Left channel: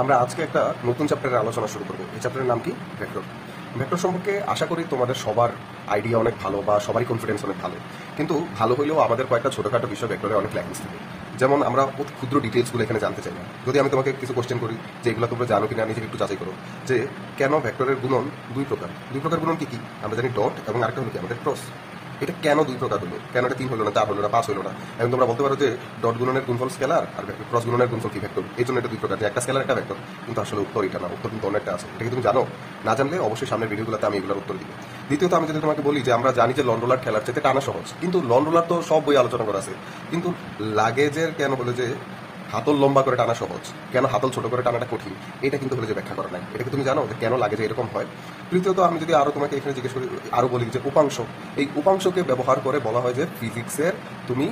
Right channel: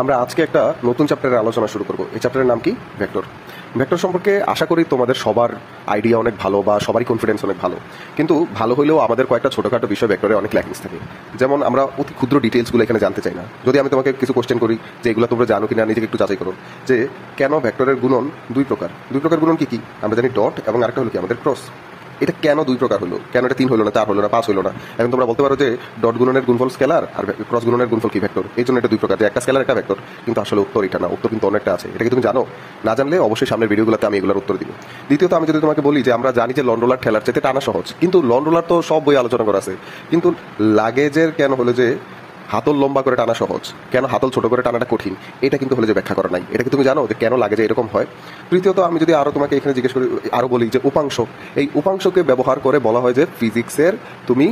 আমরা আজকে একটা নতুন চ্যাপ্টারের আলোচনা শুরু করব। এই চ্যাপ্টারের নাম কি? ভেক্টর। ভেক্টর সম্পর্কে আশা করি তোমাদের সবার আইডিয়া অনেক ভালো বা সবারই কনফিডেন্স অনেক ভালো, কিন্তু ভালো হলেও আমাদের কয়েকটা ছোটখাটো বিষয় ভেক্টরে অনেক ল্যাকিংস থাকে। যেমন আমরা অতি ক্ষুদ্র ডিটেলসগুলো এখানে জানতে চাই না। যদি আমি তোমাকে কিছু কোশ্চেন করি যে এগুলো তোমরা জানো কিনা, নিজেকে একটু যাচাই করো যে কেন ভেক্টরের গুণন দুই প্রকার। দুই প্রকার গুণন কি কি? আমরা জানি ডট এবং আরেকটা হলো কি আমাদের ক্রস। এটা কেন দুই প্রকার হলো? কেন এটা 3 হলো না, 4 হলো না, 5 হলো না? এখন তোমরা বলতে পারো যে ডট গুণনের গুণফল স্কেলার আর ক্রস গুণনের গুণফল কি ভেক্টর, এই জন্য এটা দুই প্রকার, যে একটা স্কেলার একটা ভেক্টর। কিন্তু আসলে উত্তর এটা না, উত্তর কিন্তু অনেকটা আছে। এটা কি তুমি জানো? না জানলে অবশ্যই সামনের ভিডিওগুলোতে আমি এগুলোর উত্তর দিব। দ্বিতীয়ত, আমি যদি তোমাকে বলি যে আমরা জানি যে লন রোলার ঠেলার চাইতে টানা সহজ, কিন্তু লন রোলার তো সব বই আলোচনা করা আছে, কিন্তু লাগেজের কেন হলো যে হাতল লম্বা করে টানা সহজ, কেন হাতল ছোট করে টানাটা কঠিন, এটা কিন্তু হলে যে ব্যাখ্যা করা নাই। এটা কি তুমি জানো যে কেন লাগে যে এরকম হয়? তৃতীয়ত, আমি যদি আরো তোমাকে এখানে জিজ্ঞেস করি, আরো বলি যে উপাংশ, এই উপাংশকে ব্যবহার করে বলা হয় যে ফিজিক্সের তুমি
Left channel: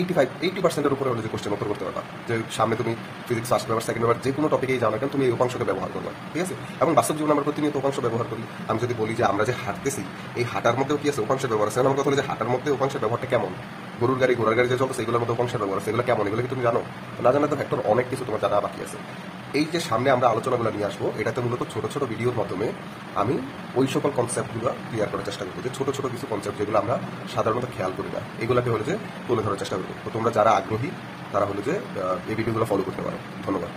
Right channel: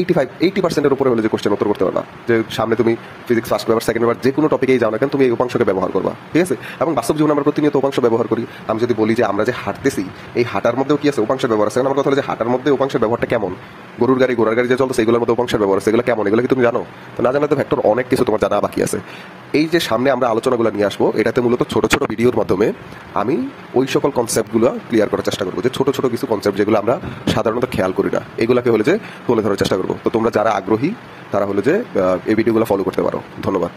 80% উপরে হলে যে কোশ্চেন উত্তর করতে পারবা, যে সামনে তুমি physics first paper second paper যে কোনো টপিকেই যাও না কেন, তুমি এই উপাংশকে ব্যবহার করবা। ঠিক আছে? এবং বাস্তব জীবনে আমরা প্রতিনিয়ত উপাংশ ব্যবহার করি। আমি যদি বলি যে আমরা যে হাঁটতেছি, এই হাঁটার মধ্যেও কি আছে? উপাংশ ব্যবহার আছে। আমার কথা হলো যে হাঁটার মধ্যে উপাংশের ব্যবহারটা কেমন? গরুর গাড়ি, ঘোড়ার গাড়ি যে চলছে, এগুলোর মধ্যে উপাংশের ব্যবহার আছে, এগুলো কেমন? এগুলো কি তুমি জানো? তো না জানলে তো ভেক্টর অনেক কিছু তোমার জানা বাকি আছে। এই যে সামনে আমরা আলোচনাগুলো নিয়ে আসবো, এটাতে মূলত ছোট ছোট ভিডিওর মাধ্যমে আমি ওই সকল কনসেপ্টগুলো ক্লিয়ার করার চেষ্টা করবো, যে ছোট ছোট কিছু কনসেপ্ট যেগুলো আমরা সাধারণত খেয়াল করি না, এগুলোকে হলে যে তুলে ধরার চেষ্টা করবো। তো তোমরা যারা আগ্রহী তারা হলে যে এই ভিডিওগুলো ফলো করতে পারো। ধন্যবাদ।